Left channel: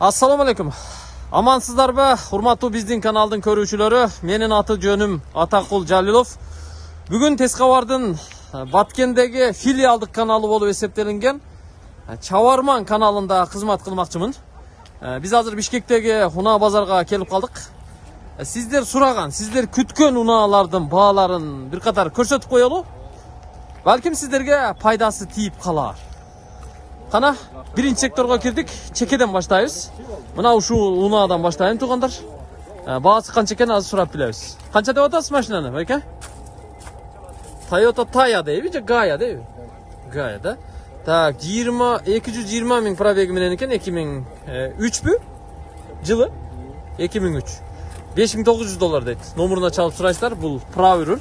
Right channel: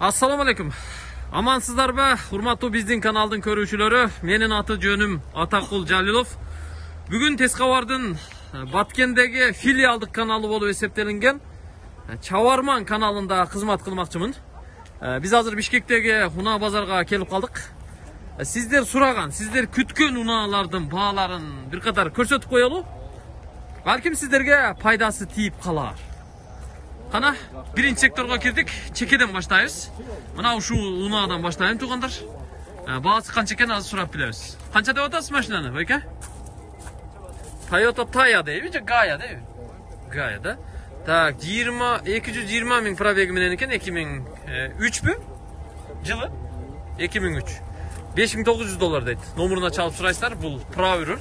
Assalamu alaikum. Amansızlarбы, урматтуу биздин каналдын көрүүчүлөрү? Менин аты жөнүм Атакул Жалилов. Бүгүн Тез кабардын Баткендеги филиалдык каналы болуп эсептелинген Чабарман каналында кызмат кылмакчымын. Биз азыр Бишкектеги унаа базарга келип калдык. Сиздер сураган, сиздер күткөн унаалардын бааларын бир катар көрсөтүп коелу. Балким сиздерге пайдасы тийип калар. Кана, биринчи секторго кирдик. Чекеден баштайбыз. Мына ушул унаадан баштайм туугандар. Баасы канча экен азыр сурап билебиз. Канча деп атасыз машинаны, байке? Toyota Taya дейби же Gaia дейби? Gaia да. Так, 220 миң пробеги менен экен, 2003 жылы. 2003. $5900 дейт. Номуруна чалып сурайсыздар, бул правый руль.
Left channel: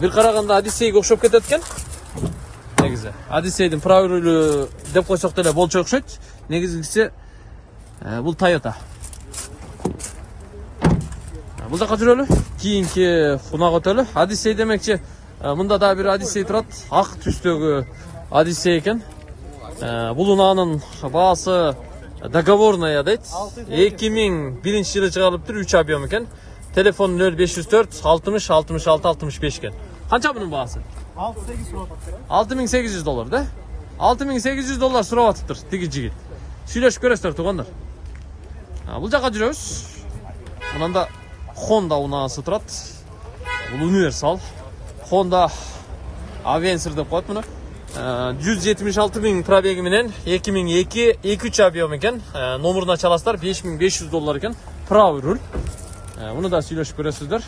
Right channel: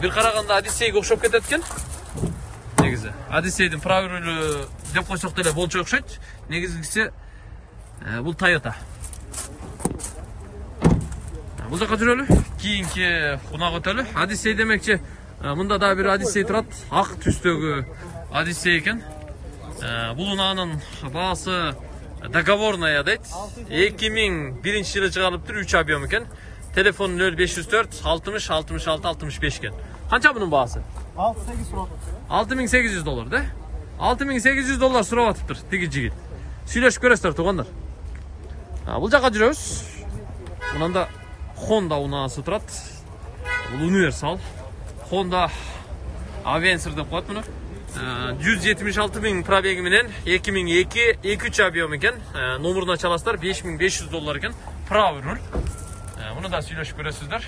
Бир караганда Одиссейге окшоп кетет экен. Негизи Одиссейдин правый рулю деп койсок деле болчу окшойт. Негизгиси бул Toyota. Бул жака жүрөлү. Кийинки унага өтөлү. Одиссей демекчи, мында да бир Одиссей турат. Ак түстөгү Одиссей экен. Бул унаанын баасы договорная дейт. 2001 жылы чыгарылыптыр, 3 объем экен. Телефон 0504 60 66 65 экен. Канча бунун баасы? $6800 да? $6800 сурап атыптыр тиги жигит. Сүйлөшүп көрөсүздөр туугандар. Бул жака жүрөбүз. Мында Honda унаасы турат. Бул универсал. Honda Avencer деп коет муну. 176 миң пробеги менен 2002 2-3 объем экен. Номуруна чаласыздар, $5500 экен. Правый руль. Муну да сүйлөшүп көрөсүздөр.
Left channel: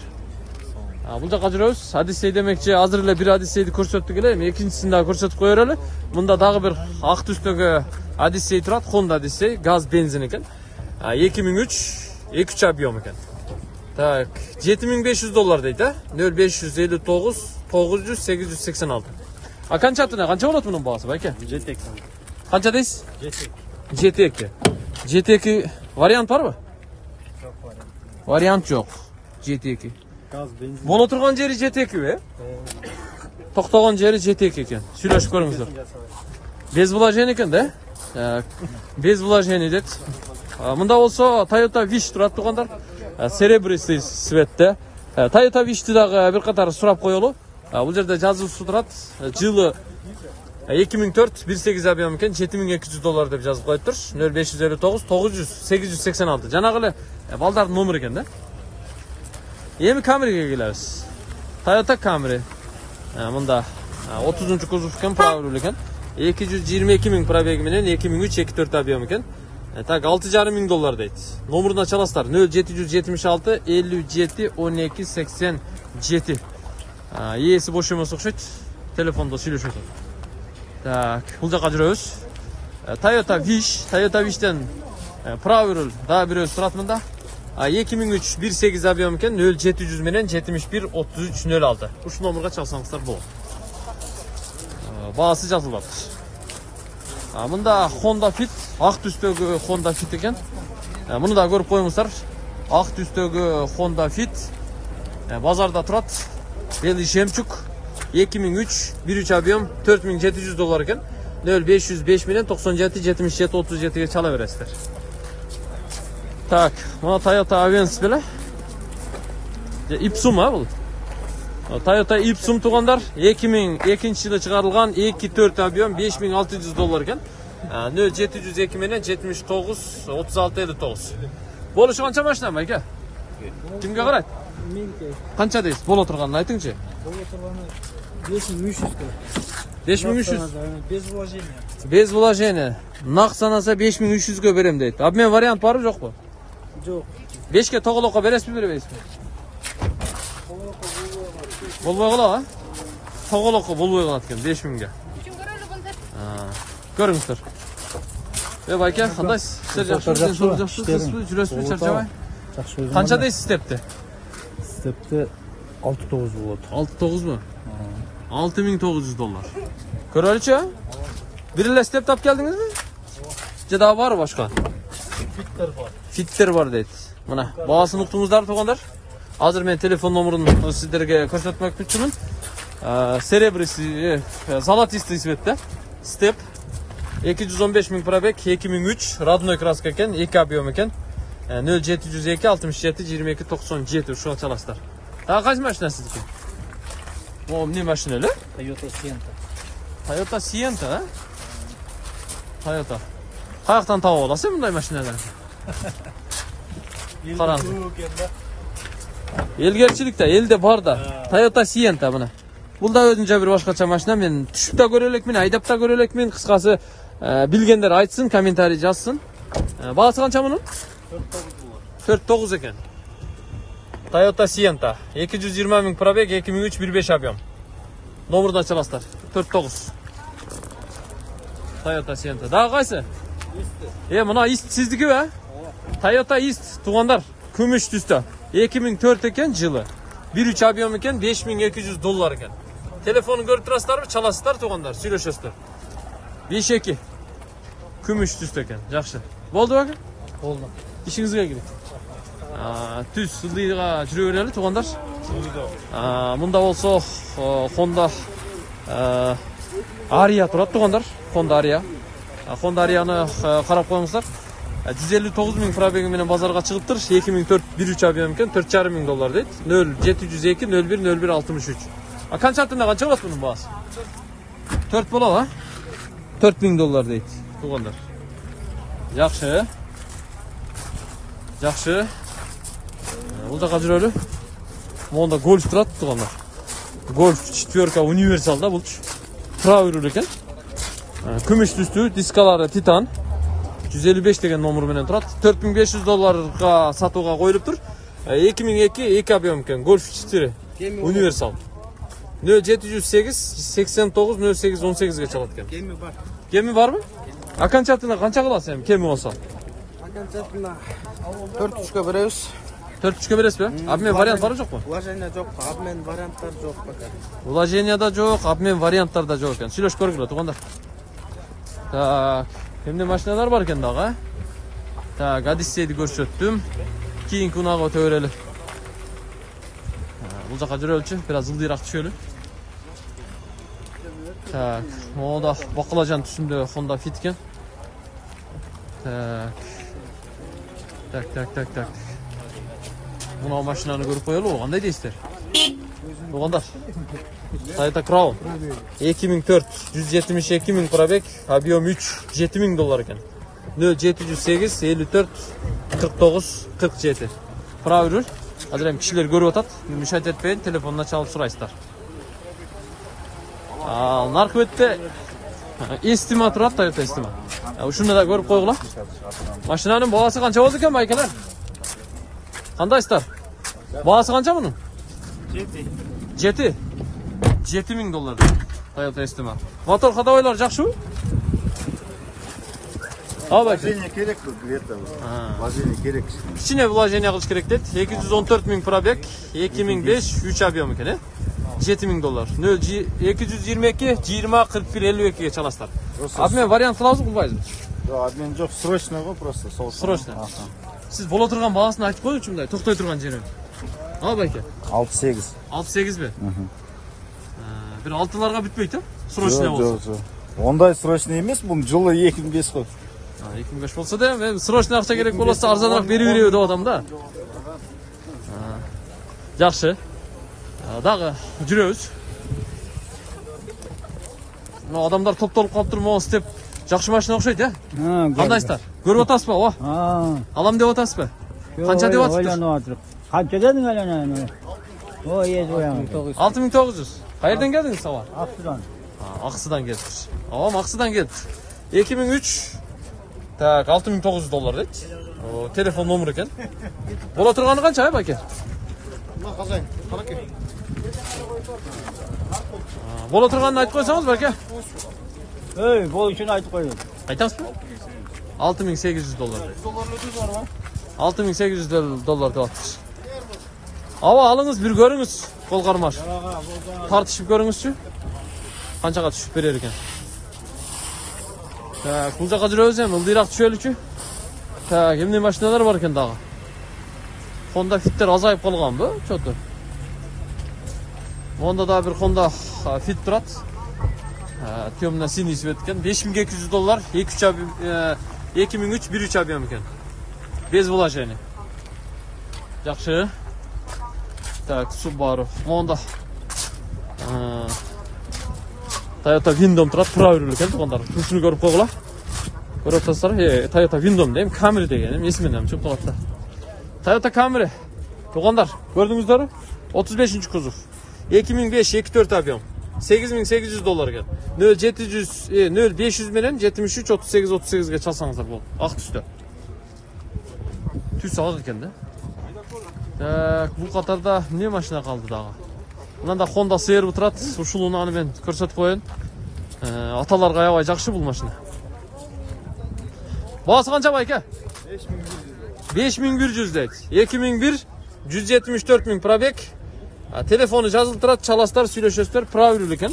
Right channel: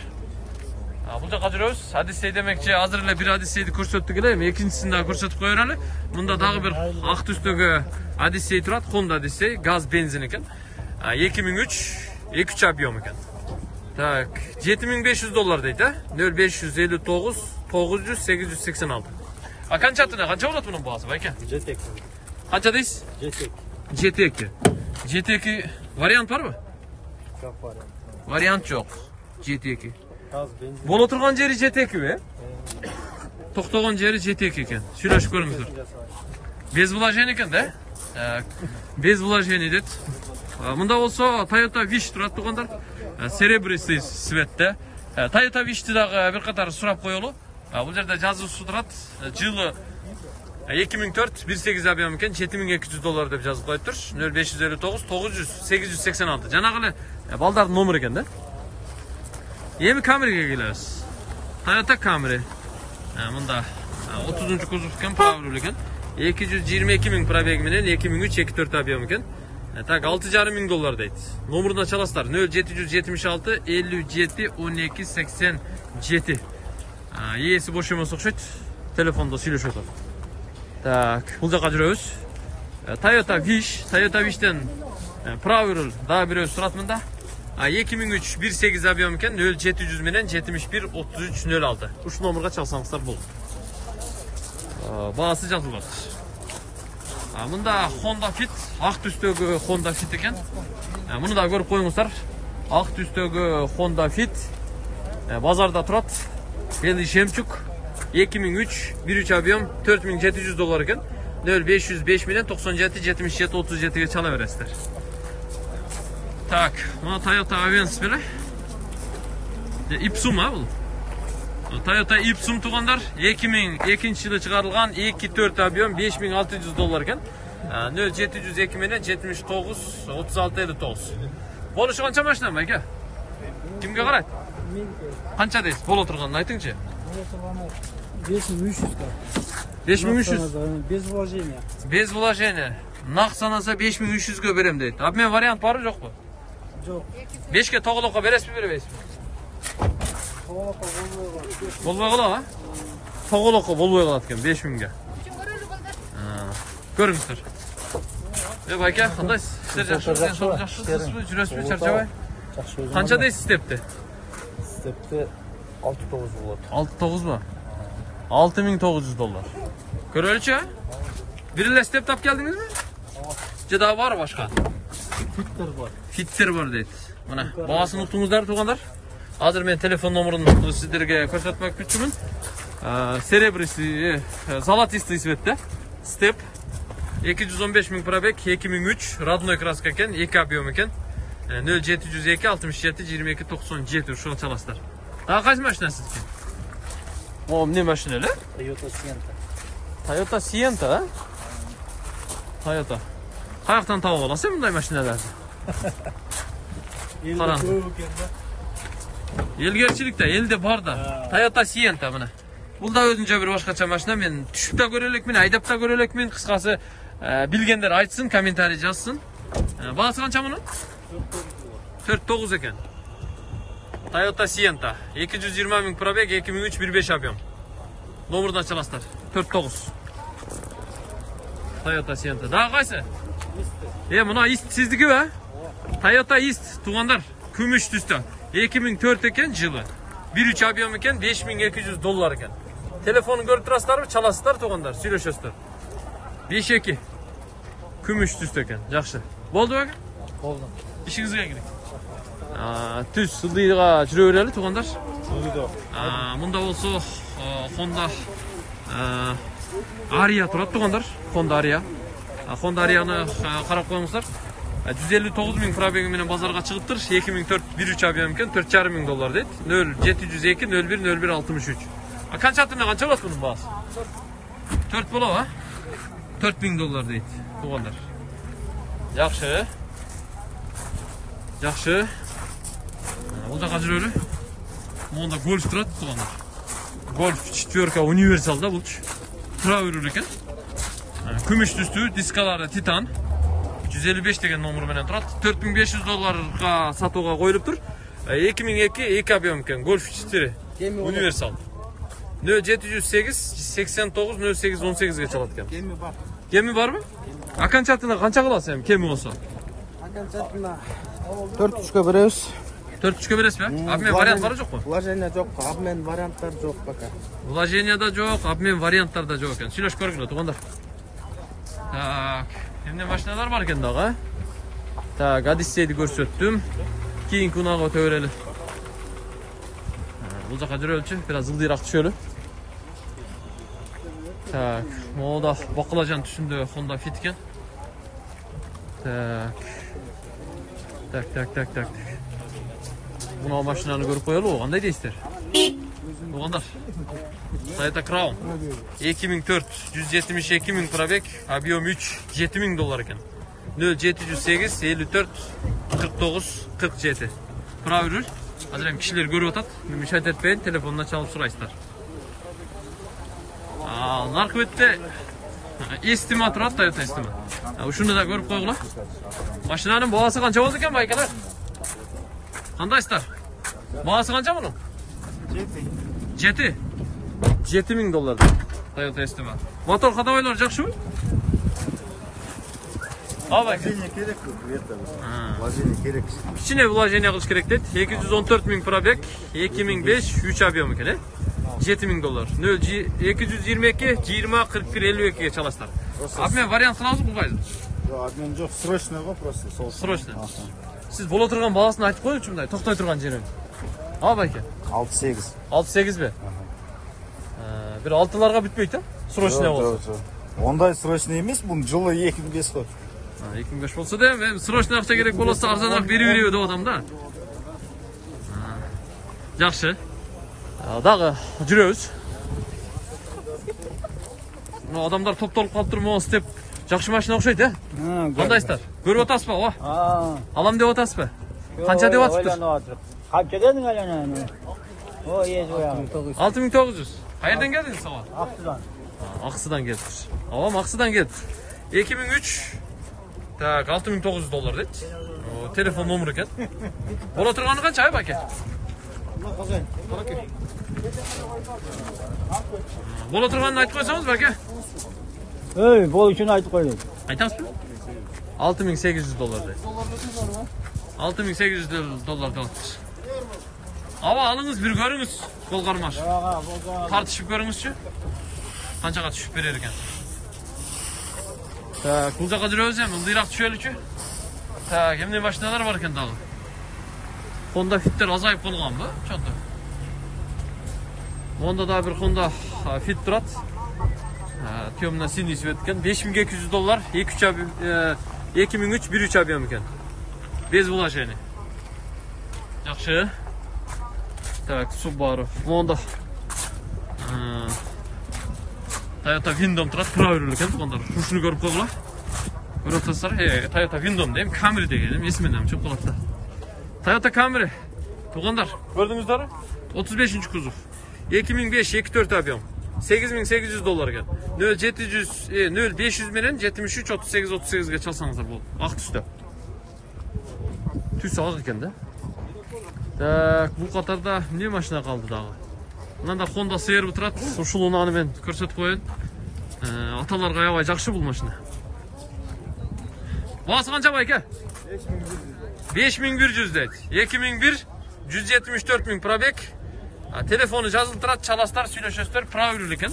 Бул жака жүрөбүз. Одиссей демекчи, азыр эле бир Одиссейди көрсөттүк эле, экинчисин да көрсөтүп коёр эле. Мында дагы бир ак түстөгү Одиссей турат, Honda Одиссей, газ бензин экен. 2003 2-3 объем экен. Так, $7500 дейт, 0559 900 886. Канча атына, канча болот мунун баасы, байке? GT2. Канча дейсиз? GT2. GT2 вариант барбы? Вариант жок. GT2. Боло турган жери GT2, токтогон жери GT2 экен. Сүйлөшүп көрүңүздөр. Без вложений экен да? Без вложений дейт. Мында болсо Toyota Wish турат туугандар. Серебристый цветте. Toyota Wish'ти дагы бир катар сурап коелу. Бул жерде жазуусу турат. Жылы 2004 18 объем экен, $7200 деп жазып коюптур. 0559 900 886. Жанагы эле балдардын номуру экен да. Эми Camry'ге келебиз. Toyota Camry. Мында 30-кузов экен, правый руль экен. 222 миң пробеги менен 2003 2-4 объем экен. Так, $6,500 дейт. Номуруна чаласыздар, 0776 57 12 87. Ээси бош эмес окшойт. Телефондо сүйлөшүп атат. Так, бул жака жүрөбүз. Toyota Wish'тен правый руль дагы бирөөсү турат мында. 2003 18 объем экен, 0700 менен 71 33 06. Ушул номурга чалсаңыздар болот. Баасы жазылып атат. Мында Honda Fit, ак түстөгү Honda Fit экен. Муну да көрүп коюңуздар. Ак түстөгү Honda Fit базарда турат. Белый жемчуг. 2003 1-3 объем $4700 экен. 0505 менен 97 77 37ге чала бересиздер. Так, мына Toyota Avensis беле. Ipsum бул. Toyota Ipsum туугандар, 2002 жылы чыгарылган 2-4 объем $5600 экен. 0702 менен 79 36 59. Болушу канча машина байке? Кимге карайт? Канча дейсиз? Боло турганын айтыңчы. Боло турганы 5300. 5300. Без вложения. Без вложения. Нак санаса 5300гө берем дейт. Обмен вариант барбы жокпу? Жок. 5ке тоголокко бересизби, бербейсизби? Болбой калат, тоголокко болбой калат экен 5000ге. Көрүңүздөр. Байке, кандайсыз? Сиз жакшысыз, жакшысызбы? Жүрөсүзбү, чарчабай? Канча дейсиз степти? Степти 6900. 69 $6900. Көрөлүчү? Бир эле степ тап келдиңизби? Же дагы бар башка? Фиттер бар дейт. Мына, баасын уктуңуздар туугандар. Азыр мен телефон номурун сиздерге көрсөтмөкчүмүн. Серебристый, золотистый цветте. Степ. 215 ming probek, 2003 radnoy kraska eken, 2 объем eken. 0702 67 22 97 ушуга чаласыздар. Дагы кайсы машина сиздики? О, эмне машина эле? Toyota Sienta. Toyota Sienta, а? Toyota. Каяктан таап аласың мындай машиналарды? Караңгы. Элгерчилик да, элде бар да. Toyota Sienta мына. Бул да өзүнчө бир башкача машина. Мен түшүп да көрө элекмин, айдап да көрө элекмин. Кыскасы, билгендер айтсын, комментарий жазсын. Баасы канча мунун? 49 экен. Toyota Sienta. 220 миң пробег, 2003 1.5 объем. Номердон чаласыздар. 49. Toyota Sienta. Дагы кайсы? Мына Ист сиздики бе? Toyota Ист туугандар. Күмүш түстө. 2004 экен жылы. 1.3 объем экен, $5200 экен. Телефонун көрүп турасыздарбы? Чаласыздар туугандар, сүйлөшөсүздөр. 5-2. Күмүш түстө экен. Жакшы. Болду беке? Болду. İşinizге кирик. Түз сылдыйга жүрө берели туугандар. Мында болсо Honda Aria турат туугандар. Honda Aria. Honda Aria'ны карап коюңуздар. 159 миң пробеги менен базарга чыгыптыр. 2004 1.3 объем экен, $4,5 миң дейт. 0702 01 01 63. Канча аттында канча болот мунун баасы? 4 болобу, а? $4,000 дейт туугандар. Жакшы. Жакшы. Бул жака жүрөлү. Монда Golf турат туугандар. Golf 4 универсал да бул. Тура жүрүлөр экен. Күмүш түстүү, дискалары Titan. 155 деген номер менен турат. $4500 сатууга коюлуптур. 2002 2 объем экен. Golf 4 универсал. 0708 89 08 18ге чалат экен. Кеми бар. Кеми барбы? Аканчатына канча кыласың эми кеми болсо? Аканчатына 4-3кө беребиз. 4-3кө бересиз бе? Обмен варианттары жокпу? Вложение жок, обмен варианттар жок пока. Вложение да жок, обмен варианттар да жок экен. Сүйлөшүп көргүлө туугандар. Так, эмне машиналар бар экен дагы? Так, Odyssey'ди көрсөттүм. Кийинки унага өтө берели. Бул жака жүрөлүчү, бир аз ылдыйраак түшөлү. Так, мода бакалажан түсүндө Honda Fit экен. Так. Мына машинаны көрүп коелу, кандай дейсиздер? Туугандар. Toyota Crown 2004 172 миң пробег, объем 3 $7,000 экен. 0708 54 49 47. Правильно. Азыр эми кишилер көрүп атат. Мишайт этпейин, телефонуна чалып сурайсыздар. Наркы бетте Estima турат, Toyota Estima. Ушуну да көрүп койгула. Машинанын баасы канча болду экен байкелер? Кандайсыздар? Баасы канча мунун? 7. $7,000 Toyota Estima. Мотор ходовойлор жакшыбы? Вложение керек где-то. Вложение керек. Кичине вложение кылыш керек дейт. 214 миң пробег, 2005 3 объем экен, э? $7,000. 222 20 41 52ге чаласыздар. Обмен вариант кылабызбы, кылбайбызбы? Жок, обмен жок, срочно го просто. Срочно. Сиз боло турган баасын айтып коюңчу мындай, токтой турган жерин. Байке? 68. 68 бе? Бир 6ларга бүтпөйт, а? Срочно болсо. Ондай срочно эмес, бул жылы 2005 кой. 2005 болсо да, мен срочно акча керек болсо арзаныраак берип береби деп атам да. Жакшы. Дагы жүрөбүз. Мына адамдар топтолуп калыптыр, могу степ жакшы машина окшойт, э? Кандайсыздар? Көрүп атасызбы, ооба? Алам деп атасызбы? Канча деп атыптыр? Канча дедиң эле? 6900. Каерден келдиңиз, ооба? Аксыдан келдиңиз. Ооба, Аксыдан келдиңиз. 2003 так, $6,900 дейт. Телефон номер экен. Боло турганы канча, байке? Мына казайын. Караке. Боло турганын айтып койсоңуз, байке? Бул үчүн айтып коеюн. Айтасызбы? $6,800 дейт. $6,800 деп атыптыр. Ооба, алыңыз, бир көрүңүз. Кол кармаш. Тартышып көрүңүзчү. Канчага түшүп берер экен. Так, бул жака жүрөбүз эми, ылдыйраак түшөлүчү. Так, эмне машиналар бар экен дагы? Honda Fit'тер азайып калганбы? Чөтө. Монда да бир Honda Fit турат. Temna sinisi etken 5200 dolar 2-3 abiyom 2003 1-3 abiyom ekan. Bez vложение. Yaxshi. Так, Subaru. Honda. Toyota Windom turadi, proveril ekan to'g'onlar. Shuni ko'rib qo'yinglar. Ko'rib turasizlar, Toyota Windom deyim, Camry deganim, esimdan cho'p to'g'onlar. Toyota Camry. To'g'onlar, ko'rdingizlarmi? 35-kuzov. 2005-24 abiyom. 8800 dolar ekan. 0500 bilan 73 38 ga chalsangizlar bu. Oq tusda. Tus oq ekanda. Tak, bu qatorda ne mashina qoldi dag'i? Bunda Honda CR-bi turadi. Shuluni men ko'rsatib qo'yin. Atalarga yo'q, yaxshi bu mashina. Bahası qancha bu aka? 5100 deydi. 2001 174 ming probek. Telefonu yazılıb turadi, chalasizlar, сөйлөшөсүздөр, proveril ekan.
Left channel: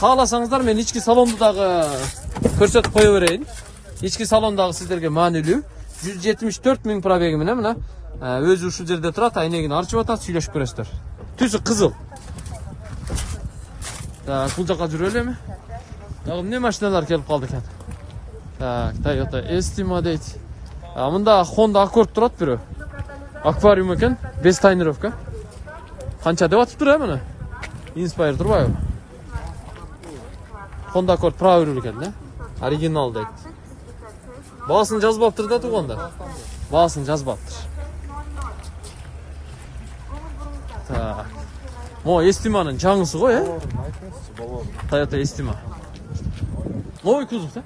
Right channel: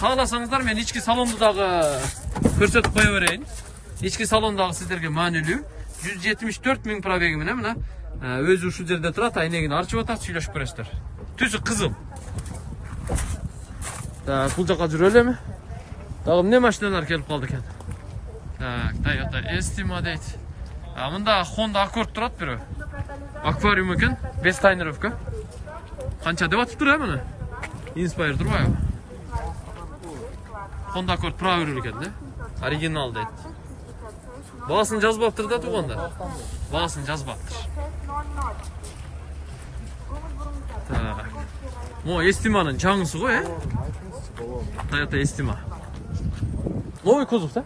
Xohlasangizlar men ichki salondagi ko'rsatib qo'ya berayin. Ichki salondagi sizlarga ma'nilүү 174 ming probegi bilan mana o'zi shu yerda turadi, aynagini archib o'tadi, сөйлөшүп ko'rasizlar. Tusi qizil. Tak, bu yoqqa juraylikmi? Tag'im ne mashinalar kelib qoldi ekan? Tak, Toyota Estima deydi. Bunda Honda Accord turadi biri. Akvarium ekan, 5 tonirovka. Qancha deb atib turadi mana? Inspire turmaydi. Honda Accord proveril ekan-da. Original deydi. Bahasini yozib olibdir-da to'g'onda. Bahasini yozib olibdir. Tak. Mo Estima'nın canlısı qo'y, Toyota Estima. Noy kuzov-da?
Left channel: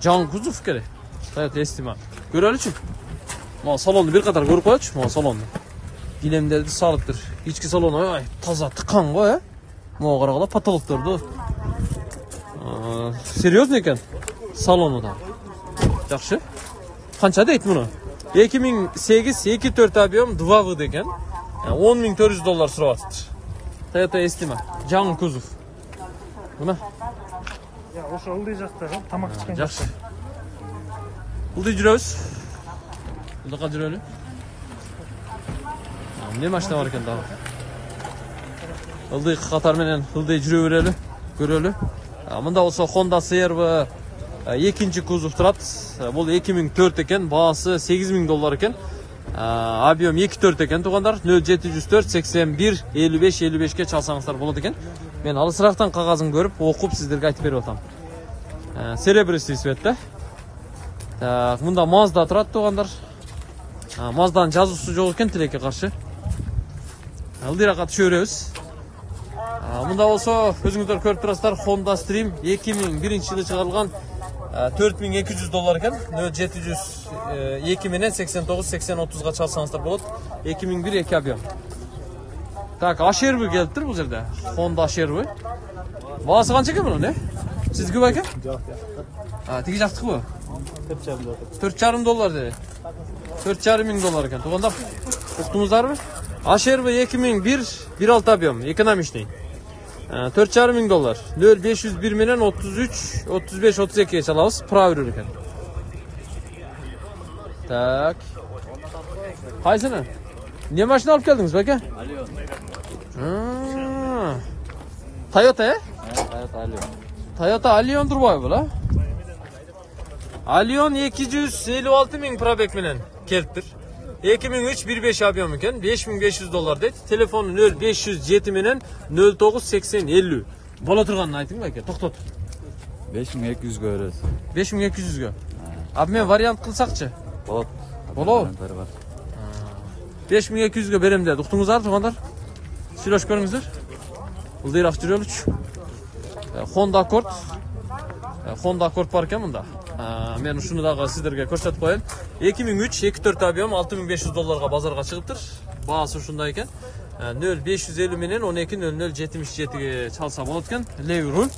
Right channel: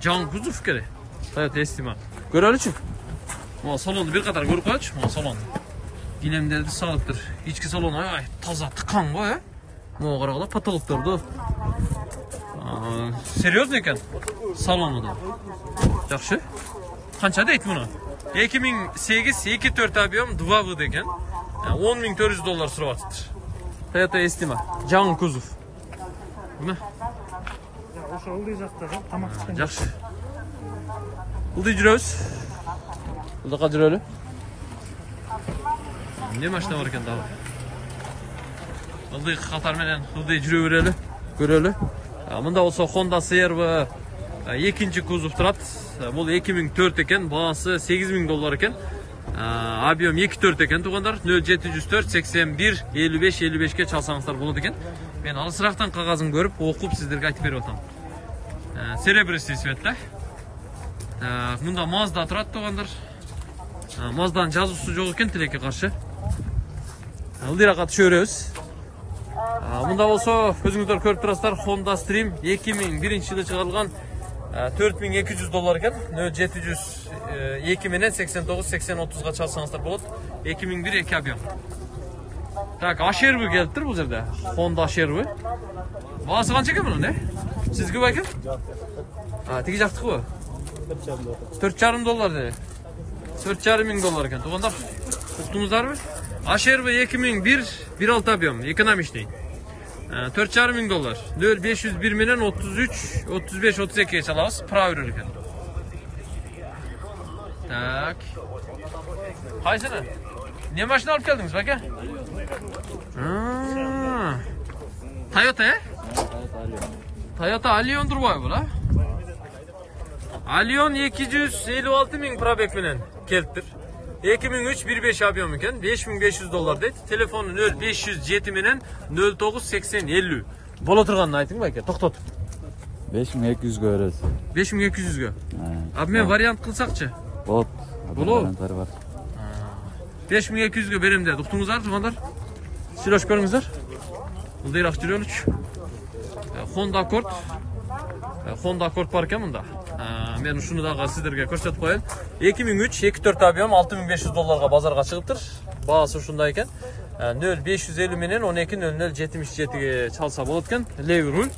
Can kuzov kerak. Toyota Estima. Ko'raylikchi. Mo salonni bir qator ko'rib qo'ychi, mo salonni. Dilemleri sağlıktır. İçki salonu ay taza tıkan qo'y. Mo qaraqlar patologlardı. Seryozni ekan salonida. Yaxshi. Qancha deydi buni? 2008 2-4 abiyom 2 degan. 10.400 dolar so'rayapti. Toyota Estima, can kuzov. Buna. Ya o'sha uldi jaqda tamoq chiqqan. Yaxshi. Uldi juramiz. Uldi qadrli. Ne mashina bor ekan daha? Uldi qator bilan uldi juraverali, ko'rali. Bunda olsa Honda CR va ikinci kuzov turadi. Bu 2004 ekan, bahası 8000 dolar ekan. Abiyom 2-4 ekan to'g'onlar. 0704 81 55 ga chalsangizlar bo'ladi ekan. Men alisroqdan qog'ozini ko'rib, o'qib sizlarga aytib berib o'taman. Серебристый цветda. Bunda Mazda turadi to'g'onlar. Mazda'nın жазуысы жоқ ekan tilekka qarshi. Ildiroqqa tushiramiz. Bunda olsa o'zingizlar ko'rib turasizlar, Honda Stream 2001-yilda chiqarilgan 4200 dolar ekan. 0702 bilan 89-80-30 ga chalsangizlar bo'ladi. 2001 2 abiyom. Tak, Asherbi kelibdir bu yerda. Honda Asherbi. Bahası qancha ekan buni, ne? Sizga bu ekan? Tegi jaqtiq bu. 4,5 dolar dedi. 4,5 ming dolar ekan. To'g'onlar uqdingizlarmi? Asherbi 2001 1.6 abiyom, ekonomishnik. 4,5 ming dolar. 0501 bilan 33 35 32 ga chalamiz, proveril ekan. Tak. Qaysini? Ne mashina olib keldingiz aka? Toyota, Toyota Allion turboy bu la. Allion 256 ming probek bilan kelibdir. 2003 1.5 abiyom ekan, 5500 dolar deydi. Telefonu 0507 bilan 098050. Bo'la turganini ayting aka, to'xtatib. 5200 ga berasiz. 5200 ga. Abi men variant qilsaqchi? Bo'ladi. 5200 ga berem dedi. Uqdingizlar to'g'onlar? Сөйлөшүп көрүңүздөр. Ылдыйраак жүрөлүч. Honda Accord. Honda Accord бар экен мында. Мен ушуну дагы сиздерге көрсөтүп коеюн. 2003 2-4 абийом 6500 долларга базарга чыгыптыр. Баасы ушундай экен. 0550 менен 120077ге чалса болот экен. Леви руль.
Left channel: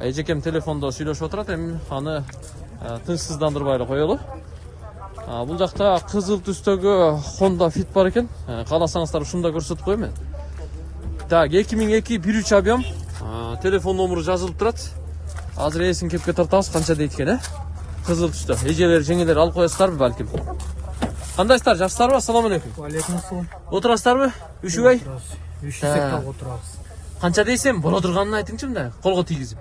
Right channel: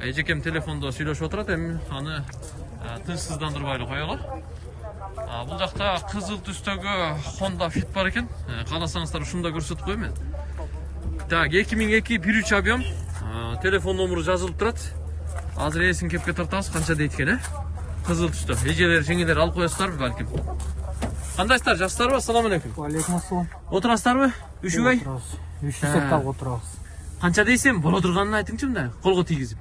Эжекем телефондо сүйлөшүп отурат, эми аны тынчсыздандырбай эле коелу. Бул жакта кызыл түстөгү Honda Fit бар экен. Кааласаңыздар ушунда көрсөтүп коеюн мен. Так, 2002 1.3 абийом. Телефон номеру жазылып турат. Азыр эсин кепке тартабыз, канча дейт экен, Кызыл түстө. Эжелер, жеңелер алып коесуздарбы балким? Кандайсыздар, жакшысыздарбы? Ассаламу алейкум. Алейкум ассалам. Отурасыздарбы? Үшүбай? Үшү секталга отурабыз. Qancha deysen, bola turganını aytыңчы мындай, колго тийгизип.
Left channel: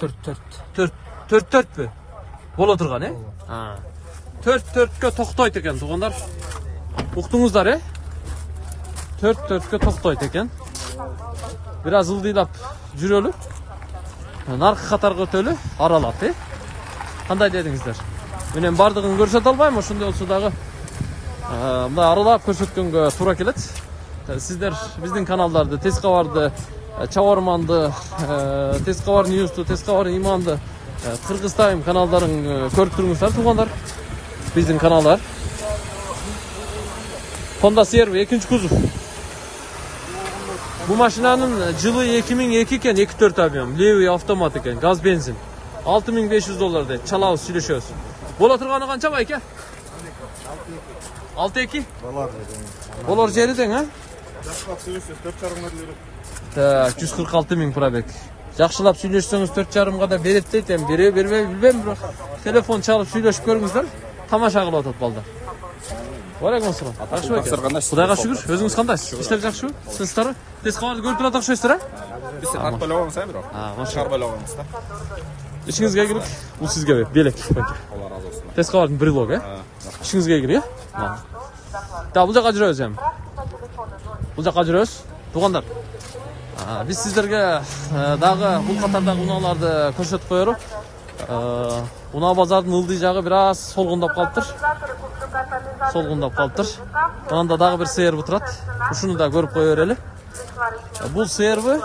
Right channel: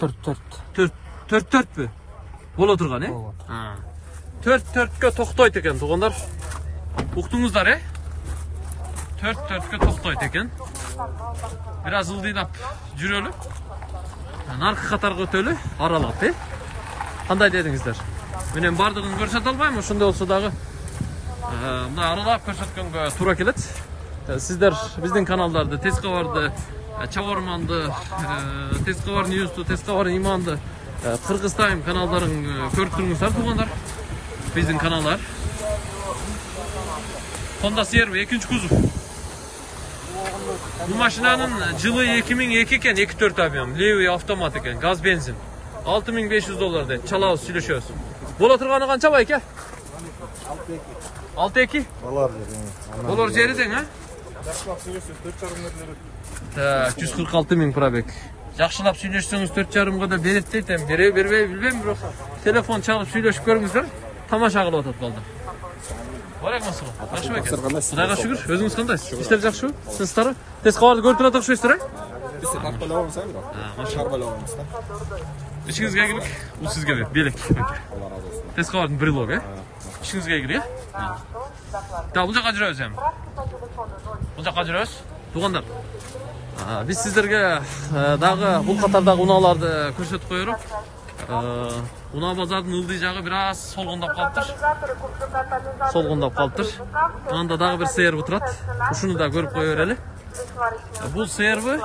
4 mü? Bola turgan, he? Ha. 4-4'ke toktayt eken, tuğanlar. Uqtunguzlar, he? 4-4'ke toktayt eken. Biraz ıldıylap жүрөлү. Narkı katarga ötölü, aralap, he? Qanday dedingizler? Menen bardığын көрсөтө албайм, ошондой болсо дагы мындай аралап көрсөткөнгө туура келет. Сиздер биздин каналдарды, Тез кабарды, Чабарманды, Тез кабар Ньюсту, Тез кабар Иманды, Кыргыз Тайм каналдарын көрүп туруңуздар, туугандар. Биздин каналдар. Honda CR-V 2-nji kuzov. Bu maşinanın жылы 2002 eken, 2.4 abiyon, Lewy avtomat eken, gaz benzin. $6.500 de, çalabız, süйлөшөбүз. Bola turgany kança bay eke? 6.2? Bolar жериден, ha? 146.000 probek. Жакшылап сүйлөшсөңүз 4.5 да берет дейт, эми береби бербей билбейм, бирок телефон чалып сүйлөшүп көрүңүздөр, тамаша кылып атат балдар. Алейкум ассалам. Кудайга шүгүр, өзүңүз кандайсыз? Иштер жакшыбы? Сиздер Тез кабарды көрүп турат окшойсуздар, а? Biz akbalawamız ha biro. Karbalawamız da. İşinizge girik, bu sizge ver, belek. Allah razı olsun. Tez kavardın brelog, he? İşinizge girik, he? Ta, bu jaka жүрөбүз эми. Bu jaka жүрөбүz. Тугандар. Biz sizlerge dagы bul katardагы унааларды көрсөтүп коелук. Унаа базардын ылдый жагы бир аз солгундап калыптыр. Анда дагы бир CR-V турат. Ушуну да көрүп кое берели. Бул CR-V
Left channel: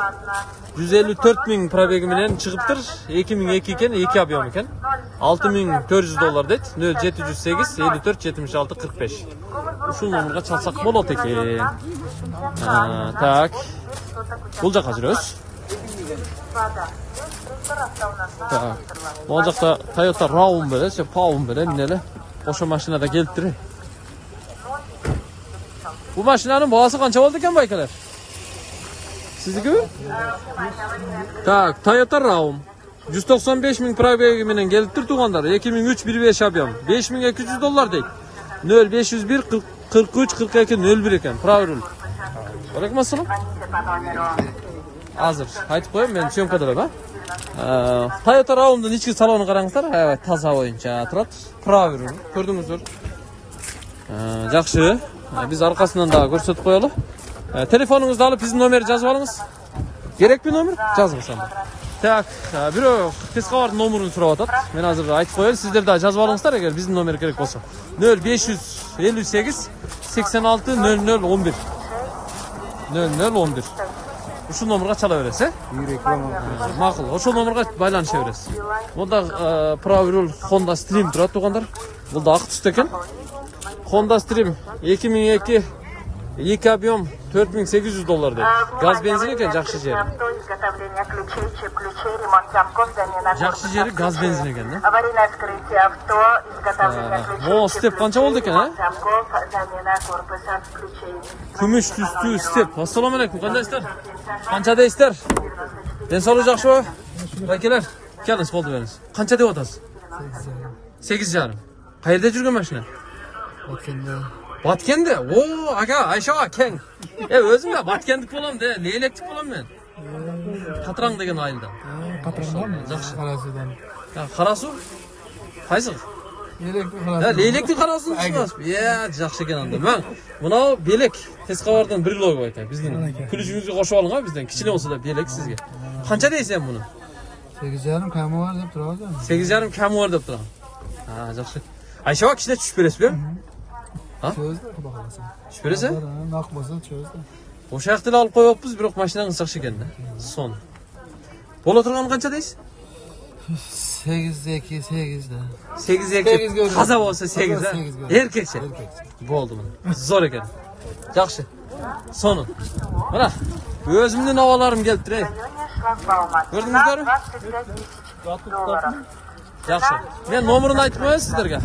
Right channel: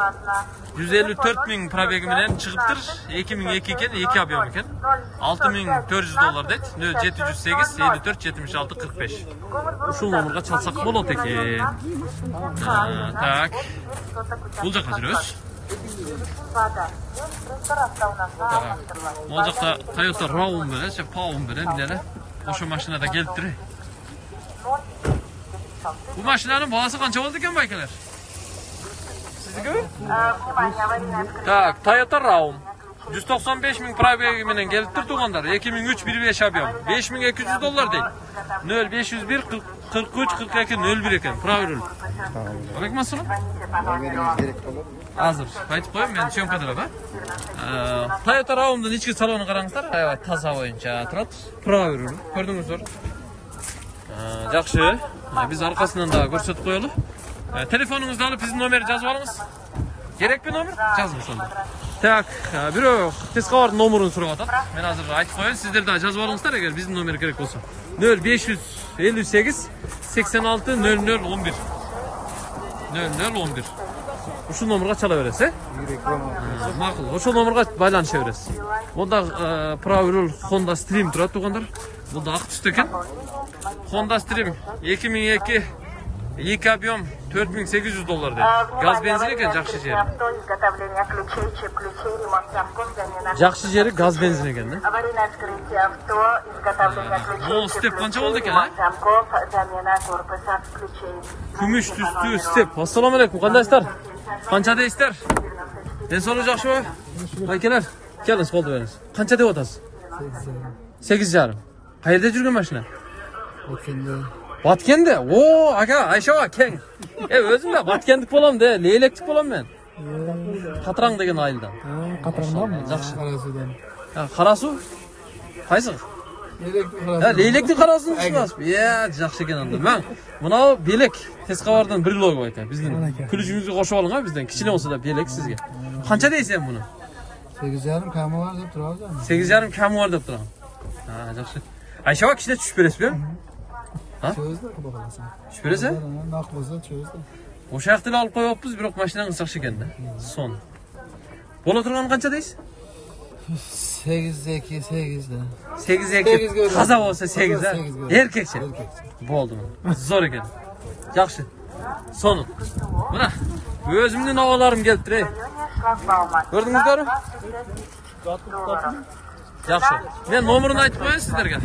154.000 пробеги менен чыгыптыр. 2002 экен, 2 объем экен. $6.400 дейт. 0708 54 76 45. Ушул номерге чалсак болот экен. Так. Бул жака жүрөбүз. Так. Бул жакта Toyota Raum беле, Paum беле, эмнеле? Ошо машинада келиптир. Bu maşinanın balası kança oldu eken baykeler? Sizdeki mi? Tak, Toyota Raum. 195.000 probegi menen geliptir tuğanlar. 2003 1.5 объем. $5.200 deyt. 0501 43 42 01 eken. Pravirul. Aleykum assalam. Hazır. Aytıp koyayım, ben syomkadalar ha. Toyota Raum'dan içki salonu qarаңыздар. Evet, taza oyunca turat. Pravirul. Gördüңүздөр. Жақсы. Biz arkasından da көрсөтүп коелу. Telefonunuzu alıp bizim nomeri жазып алыңыз. Керек bir номер? Жазыңыз анда. Так, бирок Тез кабардын номерин сурап атат. Мен азыр айтып коеюн, сиздер да жазып алыңыздар эгер биздин номер керек болсо. 0558 86 0011. 0011. Ушул номерге чала бересиз, э? Макул. Ошол номерге байланыша бересиз. Монда Pravirul Honda Stream турат тугандар. Бул да ак түсті экен. Honda Stream 2002 2 объем $4.800 deyt. Gaz benzin eken жакшы жери. Жакшы жери gaz benzin eken да. О, степ канча болду экен, а? Күмүш түстүү степ. Ассаламу алейкум, кандайсыздар? Канча дейсиздер? Ден соолук жакшыбы? Байкелер, келиңиз колду бериңиз. Канча деп атасыз? 8,5. Каерде жүргөн машина? Batkende? Oo, aga, Ayşe ken. Özüm de Batkendik bolam de, leylektik bolam ben. Katrang degen ayıldan. Katrangdan mı? Жақсы. Karasu'dan. Ya, Karasu? Qaysı? Leylektik Karasu'nu düşünmez. Ya, жақсы ken anda. Ben, buna belek, Tez kabardan bir logo aytan. Bizden külücüğünüzü koşu alın ha bizden. Kiçine olsa da belek sizge. Kança deysen bunu? 8,5 kamu var deyip durağız ama. 8,5 kamu var deyip durağım. Ha, жақсы. Ayşe kişine düşüp beresi mi? Çözde kuda kalasın. Düşüp beresi? Nakboza çözde. Oşa aqtili alıp koyuyoruz, birok maşinanın ısıqшы eкен de. Son. Bola turgan kança deysiz? 8'de 8 kaza olsa 8 ha. Erkekçe. Boldu bunu. Zor eken. Жақсы. Sonu. Buna. Özümden havalarım gelip direy. Gördünüzler mi? Жақсы. Men nomerini aytып koyayım sizlerge.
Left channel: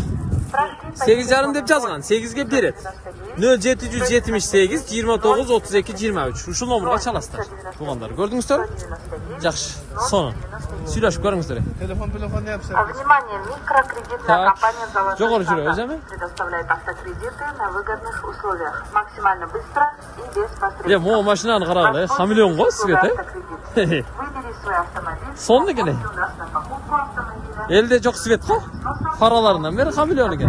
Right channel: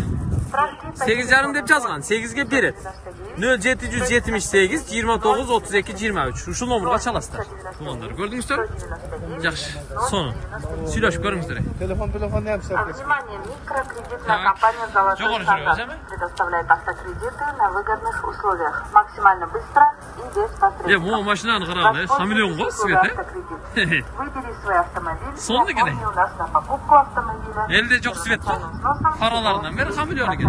8,5 dep жазган. 8'ge beret. 0778 29 32 23. Ушул номерге çalasыздар. Тугандар, көрдүңүздөр? Жақсы. Sonu. Süйлöşüp görüңүздөр. Telefon ne yapsak? Внимание, микрокредитная Так. компания «Золотой Жогору стандарт» жүрөбүз, эми? предоставляет автокредиты на выгодных условиях, максимально быстро и без посредников. Могу машинаны карагыла, хамелеон го свет, Выбери свой автомобиль. Сонда экен. У нас на покупку автомобиля. Элде жок свет го. Караларынан бери хамелеон экен.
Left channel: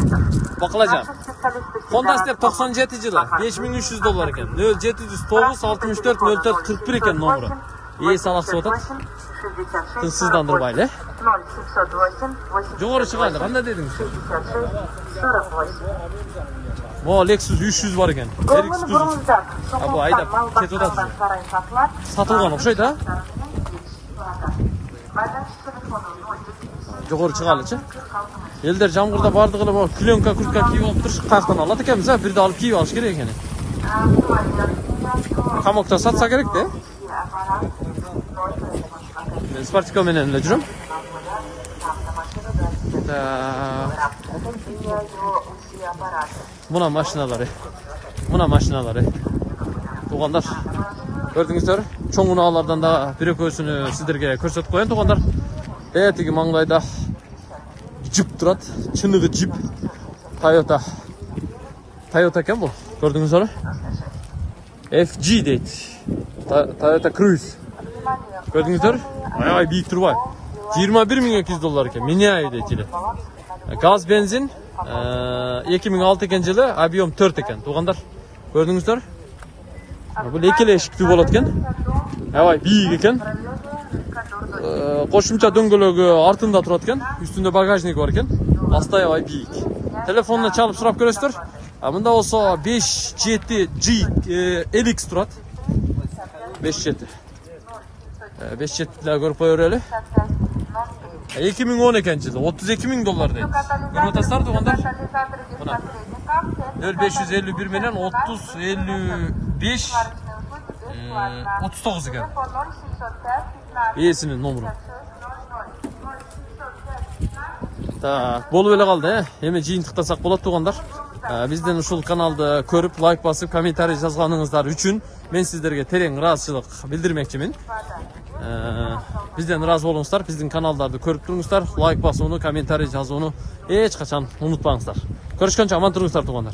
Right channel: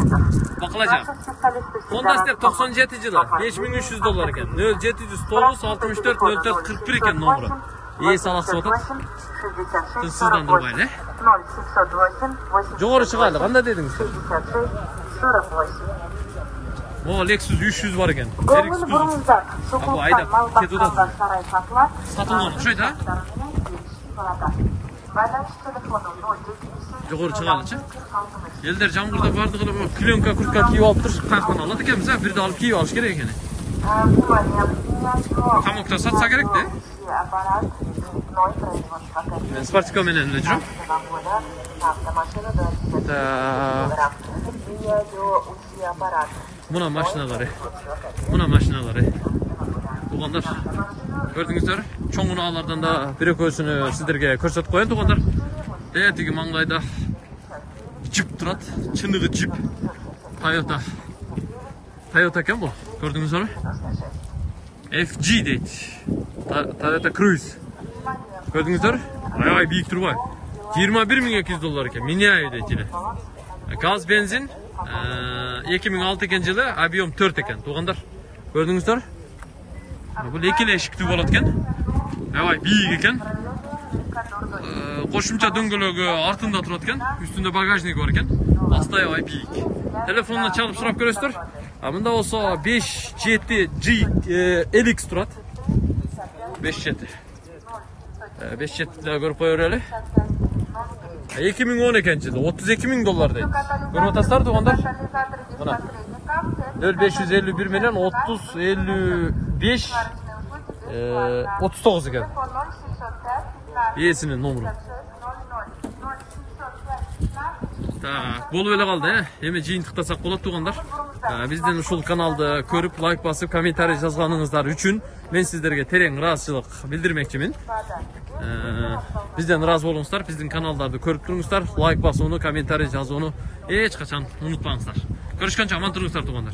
Бакылажан. Специалисты Honda Step 97 жылы $5300 экен. 0709 64 04 41 экен номеру. Эс аласы отуп. 66 Тынчсыздандырбайлы, 0708 Жогору чыгайлы, кандай дедиңиз? 66 48. Mo Lexus 300 бар экен. Голын бұрыңыздар. Абу, айдап, кетіп жатыр. Сарай сатылар. Сатылган окшойт, а? Жогору чыгайлычы. Элдер жамгырда бардыгы эле пленка, куртка кийип алып туруп, тактан алат экенбиз, а? Бирде алып кийип алыш керек экен. Камокто сатса керек да? Мен спортика менен эле жүрөм. Muna maşinaları. Tuğanlar. Gördüңүздөр, чоң унаалардан да бир экөөсүнү сиздерге көрсөтүп коеюн туғандар. Тиги маңдайда джип турат, чыныгы джип. Toyota экен бул. Көрдүңүздөр? FG дейт. Toyota Cruise. Көрдүңүздөр? Аябай бийик турбай. $21.200 экен. Меняю дейт эле. Gaz benzin 2006 экен жылы, объем 4 экен. Туғандар, көрдүңүздөр? Бул экеле эшиктүү болот экен. Аябай бийик экен. Кошумча дөңгөлөгү артында турат экен. Үстүндө багажник бар экен. Асты аябай бийик. Телефонуна чалып сурап көрөсүздөр. Мында болсо 57G LX турат. 57. 57 да көрүп кое берели. 2010 экен жылы, $32.000 дейт. Көрүп атасыздар туғандар? Мына. 0551 менен 30 55 39 экен. Эсинин номеру. Так, болуп эле калды, эми жыйынтыктасак болот туғандар. Биздин ушул каналды көрүп, лайк басып, комментарий жазганыңыздар үчүн мен сиздерге терең ыраазычылык билдирмекчимин. Бизден ыраазы болуңуздар, биздин каналдарды көрүп туруңуздар, лайк басууну, комментарий жазууну эч качан унутпаңыздар. Көрүшкөнчө аман туруңуздар туғандар.